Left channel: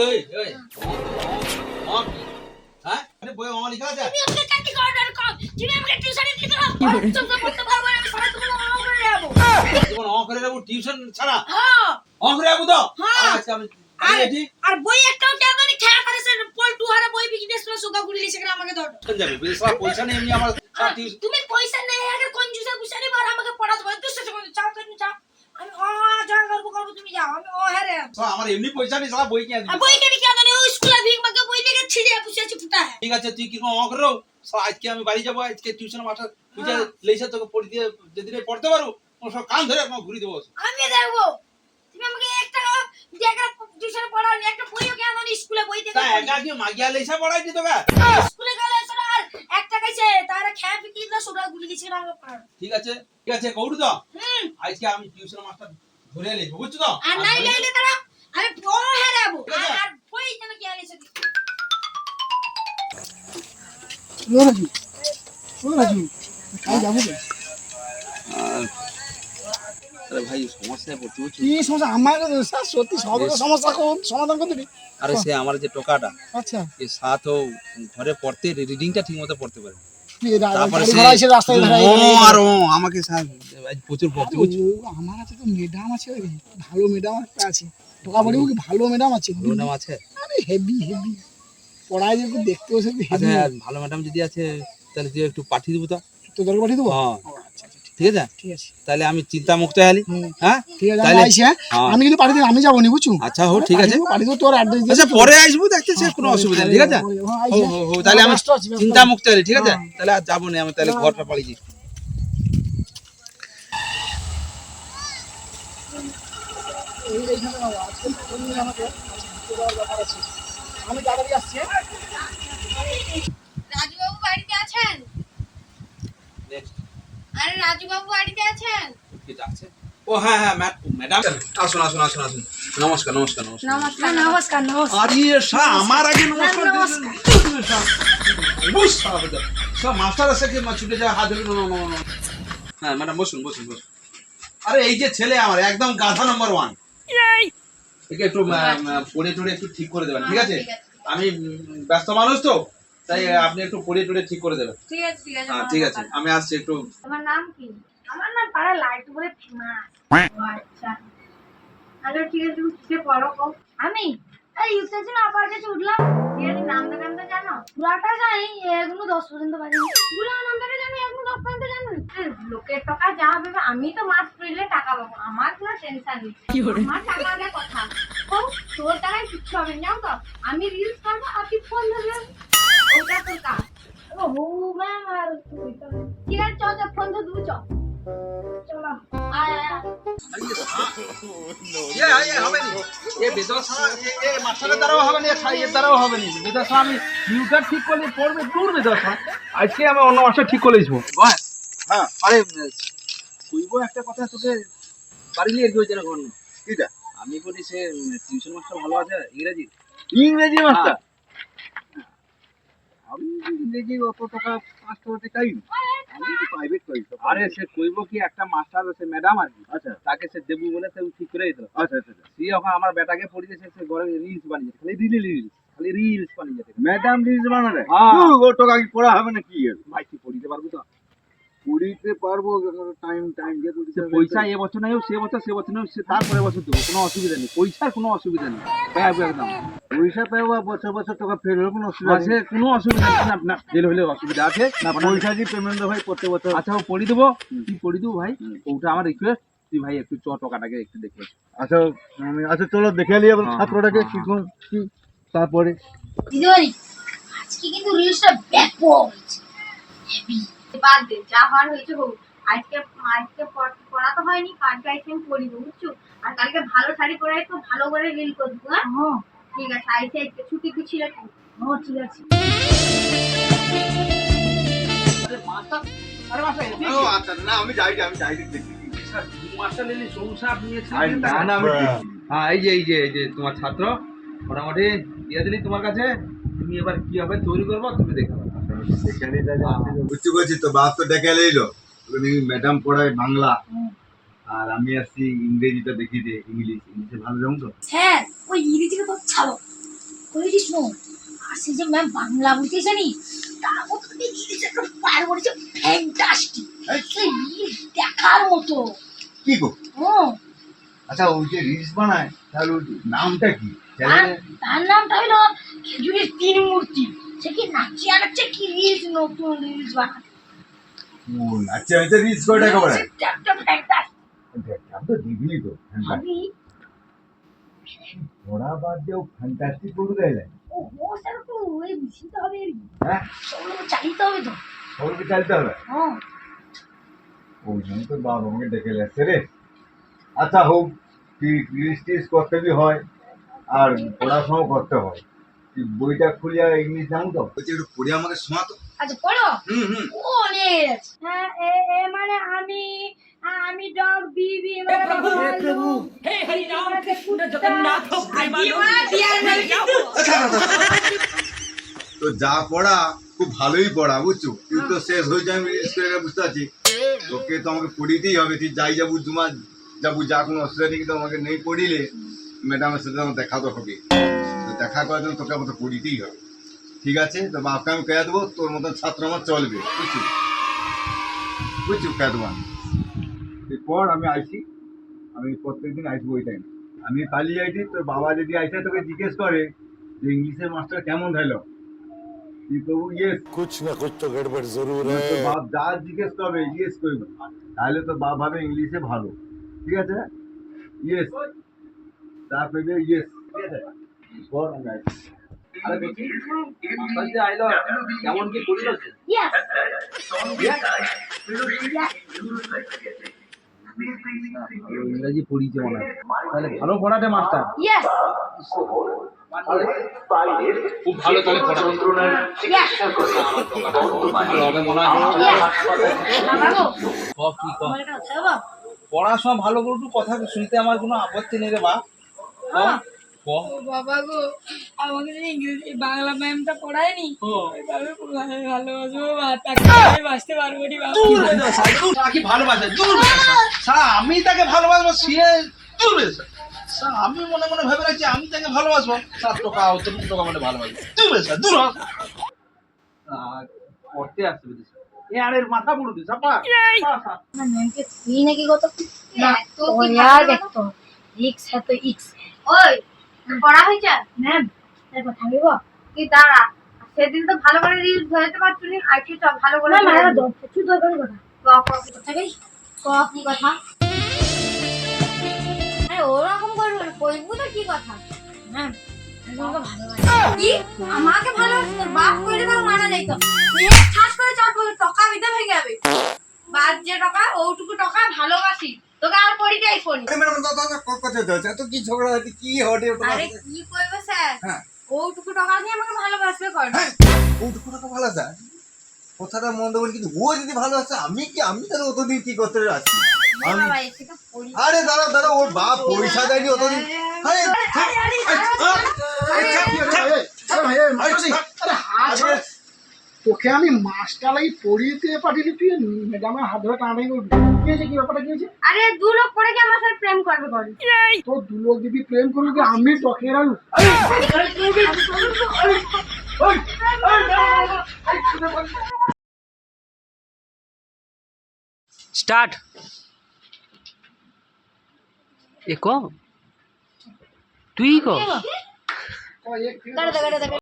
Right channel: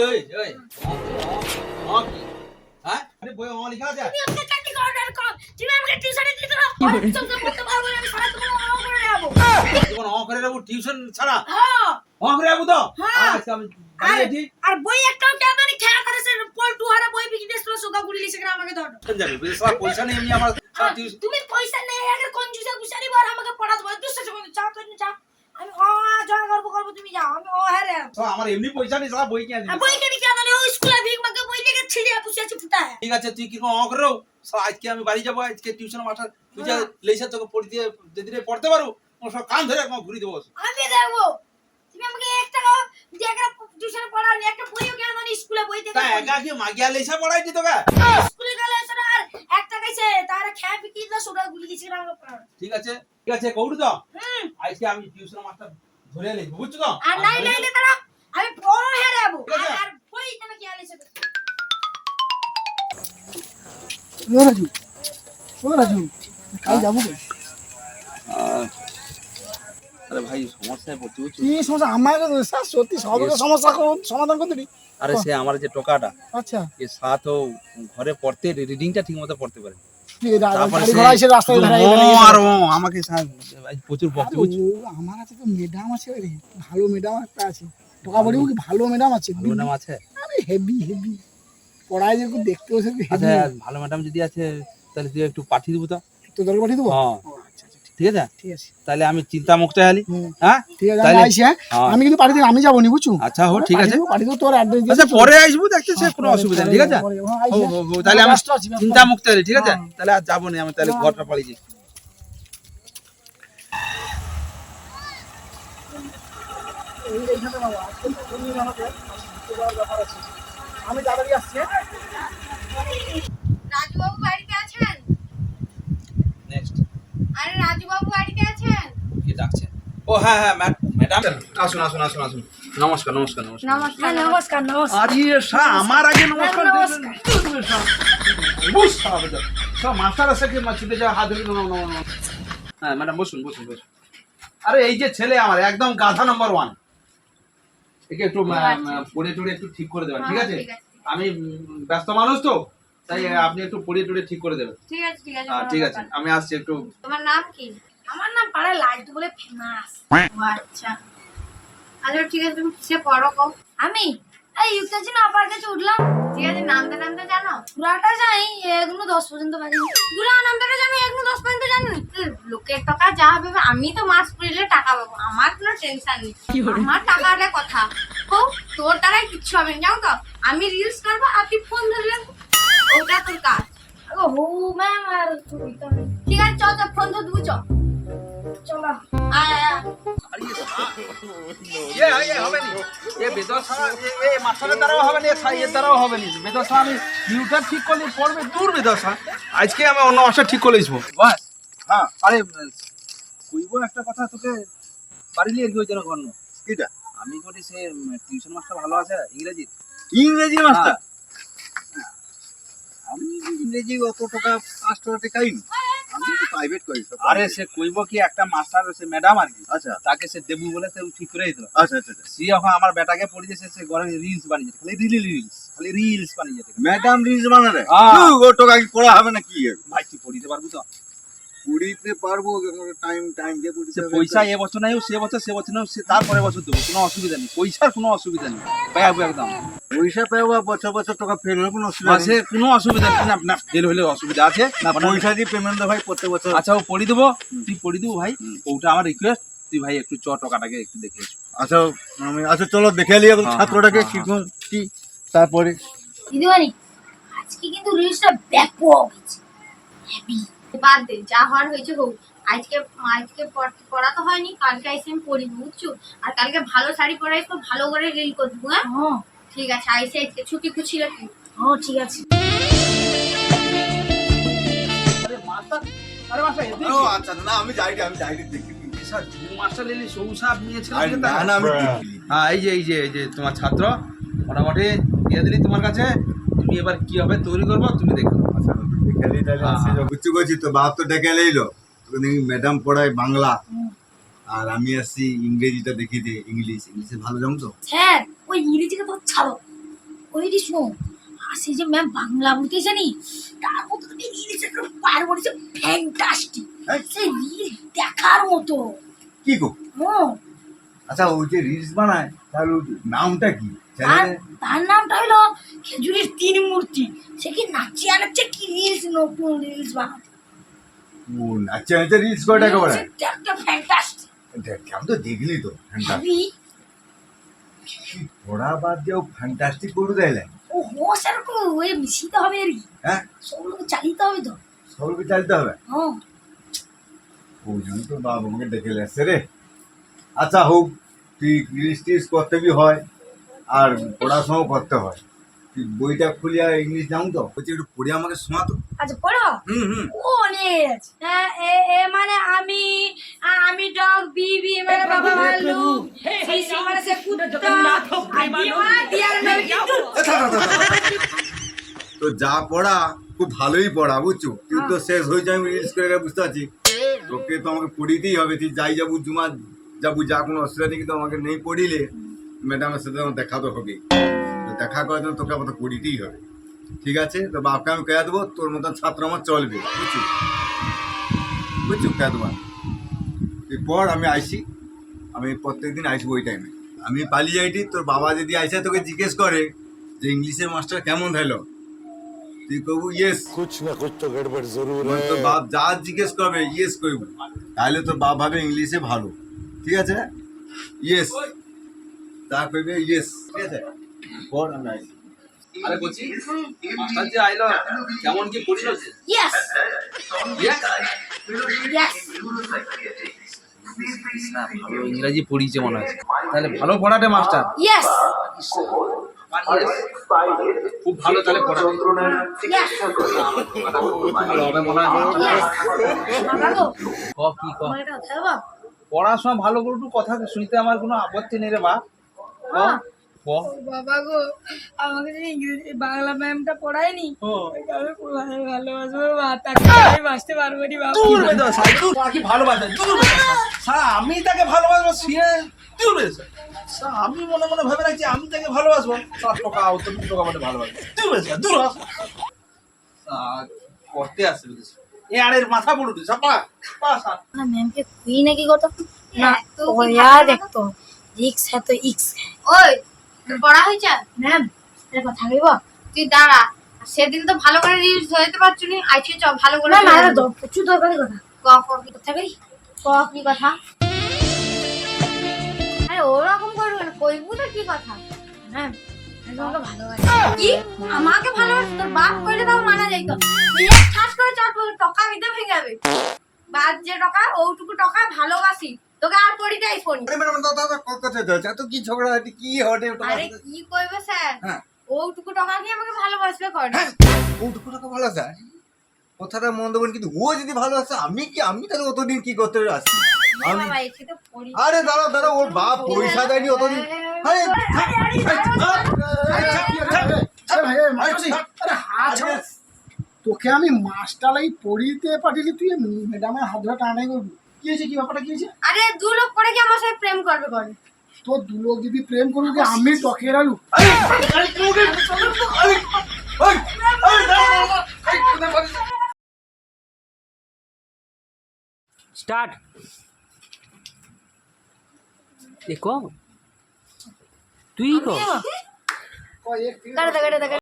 এই এই অ কি হ্যাঁ আরে বই অ লেখা আছে তুমি আমাকে কাটি অর্ডার করো তুমি আমাকে টিউশনে দিতে দাও সব পড়তে পারবো না আমি সারা তোমার অন করে দেব যখন অ করে দেব টিউশন ছাড়া হ্যাঁ অ করে দেব তো হ্যাঁ। আজকে আমি বাড়ি আর বই একটাও কেন জানি খেয়া করে সে পল্টু হারা বই বিজনেস করে সোগা গুলি লিখে আমাকে দাও যাবে বেশা পয়সা নেই এমনি আমার সারা টিউশন তুমি পয়সা নেই আগে কনজুসা গুসারি বার আমাকে পড়াতে বল দুশো টাকা চাও তো চাও আমি যা করবো তুমি যাও আমি হারে আমার এমনি পয়সা নেই সারা বই কিনে দিবি বই কেন কি জানি ওই স্কুলে ভিক মাকে বই লিখে ছিড়ে পুষে আছে ফুটা है ঠিক আছে তুই কি অ করে দাও সারা আজকে আমি বাড়ি যাব আজকে টিউশন মাস্টার বুঝা লেইসা তোকে পড়ি দিয়ে যেদিন পড়তে পারো ও সব কান ধরে একদম ঘুরি দেবো আমি দেবো তুমি আমাকে 1 টাকা দিয়ে টিউশন পড়ানি একটা বইও কেন জানি স্কুলে বই থেকে তা একা কি মাগিয়া লেইসা পড়াই দি তোকে স্কুলে গেলে স্যার আর 1 টাকা আছে তার খেয়া বিক্রি দিলে সোডা গুলি দিছে আমাকে পড়া ঠিক আছে কৌড়ু তো হুম আজকে আমি টিউশন মাস্টার ধরে এলি বুঝছো তো আর নাই লাইলে তারা আমি বড় হেরাবো ঠিক আছে। আর বই তুমি কি আলিছে রাজু কাল যাবো কে? আরে ভাই সমস্যায় পড়ছি বুঝছো কি সমস্যা আমার স্যার সত্যি সব সমস্যা সমাধান করতে দিই আরে সে আমার যে টোকাটা আচ্ছা এ সাত ও ঘরে পড়তে রিডিংটা ঠিকমতো পড়তে পারে গাড়ি ঘোড়া এসে রাস্তায় দাঁড়ায় আর ও আমাকে আজ প্রচুর বকতে বুঝছো আমার আছে তো ম্যাডাম আছে রে ভালো ম্যাডাম একটা আছে টোকা বলিও কি ভালো ম্যাডাম আছে ভালো নাম আছে আরে হেভি পড়ায় যে দেখতে বসে আচ্ছা ভালো ম্যাডাম যদি আছে তাহলে তুই একটু পাঠিয়ে দেবো তো তোদেরকে পাঠিয়ে দেবো হ্যাঁ ও আচ্ছা আচ্ছা ঠিক আছে ঠিক আছে তাহলে আমি চিন্তা মুক্ত হলি হ্যাঁ ঠিক আছে আমি তাহলে- আইছি হ্যাঁ হ্যাঁ। আমি কিন্তু পাঠিয়ে আমি যাবো নি বুঝছো আচ্ছা হো ঠিক আছে পাঠিয়ে দেবো তোর অ্যাড্রেস দিয়ে আচ্ছা পরে আসবো দেখতে সে কোনো অসুবিধা নেই ঠিক আছে তাহলে আমি চিন্তা মুক্ত হলি ঠিক আছে তাহলে আর যাবো না আমি তাহলে ঘরটা পালিয়েছি আমি তাড়াতাড়ি আসছি রাজু বাবু বাড়িতে আছেন নেক্সট আরে রাজু বাবু বাড়িতে আছেন কি ডাকছে ও হ্যাঁ ম্যাডাম আসুন নমস্কার নমস্কার নমস্কার আরে সা আমার আগে নমস্কার নমস্কার। সব মাস্টার আছে কি ছুটে যাওয়া হাত ধরে হ্যাঁ ম্যাডাম বসুন আরে এই যে ছেলে আমার একদম গাধা নাম্বার 1 একে একটু পড়ে টড়ে একটু ঠিক করে দেবেন ঠিক আছে আমি ব্যস্ত মানুষ তো তাই আপনি একটু পড়ে টড়ে ঠিক করে দেবেন ঠিক আছে হ্যাঁ ঠিক আছে আমি আসছি একটু তোমার নাম কি আমার নাম পাড়া লালটু বলে ফেমাস আচ্ছা আচ্ছা ঠিক আছে তুমি কিসে পড়ো কও আমি এই ইউকেজি না আপার কাছে উঠলাম ঠিক আছে নামটা জানো পুরাটা জানি 1-10 পর্যন্ত পারি পুরা নামটা জানো 1-10 পর্যন্ত জানি লোকের টাকা যা হবে আমি তো মাস পড়লে টাকা পাবো আমার কোনো টেনশন নেই আমার টাকাটা কথা কও তোর টাকায় কিচ্ছু হবে না জানো তো আমি রিলস করবো আর তুই ফোন ধরবি ওটা তোর কাজ ও হো ম্যাম আর তুই তো ঠিক আছে চল ফোন ধর দেবো চলো আয় হবে নি এ বেদশা এ মাস্টারের দ্বারাও হবে নি ছাইয়ের দ্বারাও হবে নি বেদশা আমি নিউটার ঠিক করলে পড়বে দূর বেদশা আজকে আমি অন্য মাস্টার ঠিক করে আসবো হ্যাঁ আরে কইবো একটা কথা তোকে পারিলি আর কি হয়েছে না গণ্য কিটা আমি করি সে টিউশন মাস্টার ভালো আছে ইংরেজি মাস্টার আমি ইংরেজি অত টাকা 5 টাকাই আমি তো প্রাইভেট করি আরে সে কইব কি একটা মাস্টার সে ম্যাডাম আর কি আচ্ছা তাকে সে দেবু বলে সে ঠিক করে দিল আচ্ছা সে এখন আমার বেটাকে পড়িয়েছে সে ঘরে রিলস বানিয়েছে খালি রিলস বানিয়েছে ম্যাডাম রিলস বানালে হ্যাঁ। ও টাকা কি পড়া হবে না কি ভাই তুই পড়িতে পারবি তো পড়িতে পারবো টাইম দিয়ে পড়িতে সে পয়সা এ বছর নাই সে বছর নাই সে তারপরে বছর দেবো কোনো অসুবিধা নেই পয়সার কোনো অসুবিধা নেই পাবো একদম পয়সা পাবো বছর টাকা ফেল হলে কোনো অসুবিধা সে কোনো অসুবিধা নেই না না ফেল হলে অসুবিধা আছে না পয়সা দিয়ে পেমেন্ট ভাই প্রত্যেক বছর আচ্ছা ও পড়ি দেবো তুই পড়ি দেবো ভাই ওটা আমার রিকোয়েস্ট তুই ভাই একটু টাকাটাকে একটু দেখে আচ্ছা আমি আচ্ছা চলো দেখে নিয়ে হ্যাঁ, ছাত্রটাকে হ্যাঁ, শিখুন কি তারপরে দিদিমণি আজকে কিন্তু রিলসটা ব্যাপক হেভি বাদ দে যা হওয়ার হয়েছে হোক আজকে পড়া তো হয়নি কালকে আইসে আমি পড়িব বুঝছো আর কালকে ভালো শাড়ি পরাই তো ভালো করে রিল করবো হ্যাঁ ঠিক আছে আইসে আজকে ছুটি খুশি রাখি ঠিক আছে আরে মাস্টার ও আচ্ছা না আমি যাই দেখি স্যার মাস্টার লিলি সৌসাব নিয়েছে না না আমি দেখি। হ্যাঁ এই যে তোমার ছাত্র মোটামুটি দিয়ে দিলি তোমার কাছে তুমি এবার কি হবে তৈরি করবো তুমি দেখো আচ্ছা দেখে নিই তাহলে বুঝতে পারছি তো বাপ তো ডেকে নিলো ম্যাডাম পড়ায় বাংলা আর আমি আসছি ইংরেজিটা দেখি যে ইংলিশে ভালো জানো তো। স্যার ওই ইংরেজিটা তো ছাড়ো, ওই যে শোনো, আর সেই যে ম্যাম বাংলা বলতে জানি, তার মতো তুমি ইংলিশে একটা পার বলেছে ফ্যান্টাস্টিক, সেই রিল দেখার মতো। কি গো? ও আচ্ছা ওই যে রিলস বানায় তাহলে ওর নামটা কি? তার নামটা হলো খেজুরের তিন মূর্তি। সে কি নাচিয়ে আনাচ্ছে কি রিলস, নতুন রিলস বানাচ্ছে। ও নাচে নাচে রিলস করে টাকা বাড়ায়। সেটা একটা ফ্যান্টাস্টিক। দেখ আমি তো দেখলি তো ভাবি পড়া বাদ দিয়েও ফ্যান্টাস্টিক করে দেয়। ও হো স্যার কো ওই মিশিতে হবে আর কি, হ্যাঁ সবগুলো চালিতে হবে তো। সবকে চালতে হবে। হ্যাঁ ওই জন্য তো বাবা আমাকে ডেকে আসছে রে। আচ্ছা হোক, তুই রিলস টিলস করতে বি হয় আর পড়াশোনাও করতে হয়। তুই বইটা খুলিয়া ইংলিশ জানো তো, বলছি একটু পড়ে আমাকে শোনা তো। আচ্ছা পড়ো। হুম ও অনেক আছে। হ্যাঁ, এ এ মানে আমি ডগ, বি বি মানে বাবা ভালু, সি সি মানে সে কুত্তা, ডি মানে ডিয়ার মানে কিন্তু। তো যা পড়া খুব ভালোই পড়া বুঝছো, কিন্তু শেষ হয়েছে আমি রিলস করে বুঝতে পারছি। তোকে তো আমাকে পড়িতেই হবে, তুই যাই যাবো জুমা যাবো, যা কোনো অসুবিধা নেই, কিন্তু আমাকে নেই পড়িলে ম্যাডামের সাথে আমার দেখা তো হবে। তো দেখা করার জন্য তোকে আমাকে পড়িতেই হবে। ঠিক আছে, তো বাপকে আমি কে দেবো, তোর মতন ছাত্র আমার চলবে, বুঝছি বুঝছো কে দেবো। তুই পড়, আমি আইসি, আমি প্রত্যেকদিন আসবো ওই টাইমে। আমি পালিয়ে যাইটি, তোর বাবা যদি আইসে তোকে জিজ্ঞেস করে যে ইংলিশের মাস্টার কেমন হলো, তুই কবু ইয়েস। कुछ ना कुछ तो गड़बड़ जरूर है। তোর বাপ যা জিজ্ঞেস করবে ইয়েস করবো, তাহলে তোর বাপ ভাবে ইংলিশে ভালো। ঠিক আছে, ইয়েস যা করবে ইয়েস। ঠিক আছে, পড়, আমি আইসি। আরে বলছি মাস্টার যে আইলো কেমন কি পড়িল যে? ইয়েস ইয়েস না ভালো ইংরেজি পড়িয়েছে মনে হয়, তাহলে ভালো পড়াতে মাস্টার। ইয়েস খুব ভালো তাহলে পড়া ইয়েস ভালো হবে মনে হয়। ইয়েস বাবা গো, ক কি ক, আমার একটা কথা বাবা। পড়াশোনা ভালো করে একটু কথা শুনতে আমার কোনো আপত্তি নেই রে বা। ক ক ও বাবা গো, আমাকে যদি ইংরেজি বাংলা ম্যামটা পড়ায়নি, ও ওইভাবে ভালোবাসবো বা, তাকে আমি বাঁচতে পারবো নি বাবা। দূর হয়ে যাও সাই, দূর কি ভালোবাসে, দূর হয়ে যাও সারা। আমি তাকে ভালোবাসবো, সে দূর হয়ে যায়। সারা আমি মনে মনে ভেবে রাখছি আমি তাকে ভালোবাসবো, 7 টাকা অত টাকা মানে ভালোবাসবো, দূর হয়ে যায়, দূর হ। করতে আসছে বিদেশ এ আড়ের মাথা পড়ুটি সাপা না ম্যামকে খুই নাকি কত না তো यार দেখতো রিক্স है तो ইক্স। ওই পড়া হইছে ম্যাম, এর কথা কইব তুই দাঁড়া। সেদিন তো ভালো করে রিলস ধরতে পারছু নি, আইছে চ ভালো করে। না মারা দাও, প্রচুর দরকারি কথা। ক কি কথা কই, ক কি কথা? আরে ওরকম করবে না, কইবু না কি কথা। ম্যাম তোমাকে ভালোবাসি। কি আমাকে ভালোবাসি? তোর বাপ কইলে তাও মানা যাইতো। তুই খাস করে চট করে টাকা দিতে ভেঙে যাবে। বাদ যে টাকা, ওটুকু টাকা ভালোবাসি তোকে, আর পড়িটাই ফোন। আরে ম্যাডাম দাদা কথা চলছে, তো কি ঝগড়া হচ্ছে, কি হবে ওটা? আরে কি কইবে স্যার, হ্যাঁ ওটুকু টাকা দিয়ে আমাকে ভালোবাসবে কোন? ওটুকু টাকা ভালো আছে, কথাটা মন্দ বলি, কিন্তু ও যদি ভালো আছে আমি তাহলে অতদিন কি করতে আসছি? আমি বাবা এসে তো পড়ি। আরে দাদা দাদা, ওর বাপ পয়সা দেয়নি অতদিন। আরে তোকে আমি মাস্টার লাগি পড়িতে পাঠিয়েছি, তুই ম্যাডামের হাত ধরে টানাটানি করবি? কি হয়েছে, কি ব্যাপারটা কি হয়েছে? আরে দু লোক পড়ে কি আমার সাথে প্রেম করবে কোন? তো দু লোক যদি প্রেম করবি কি আমি টকের আলু? स्टार्ट एक तुई को কাটে দাও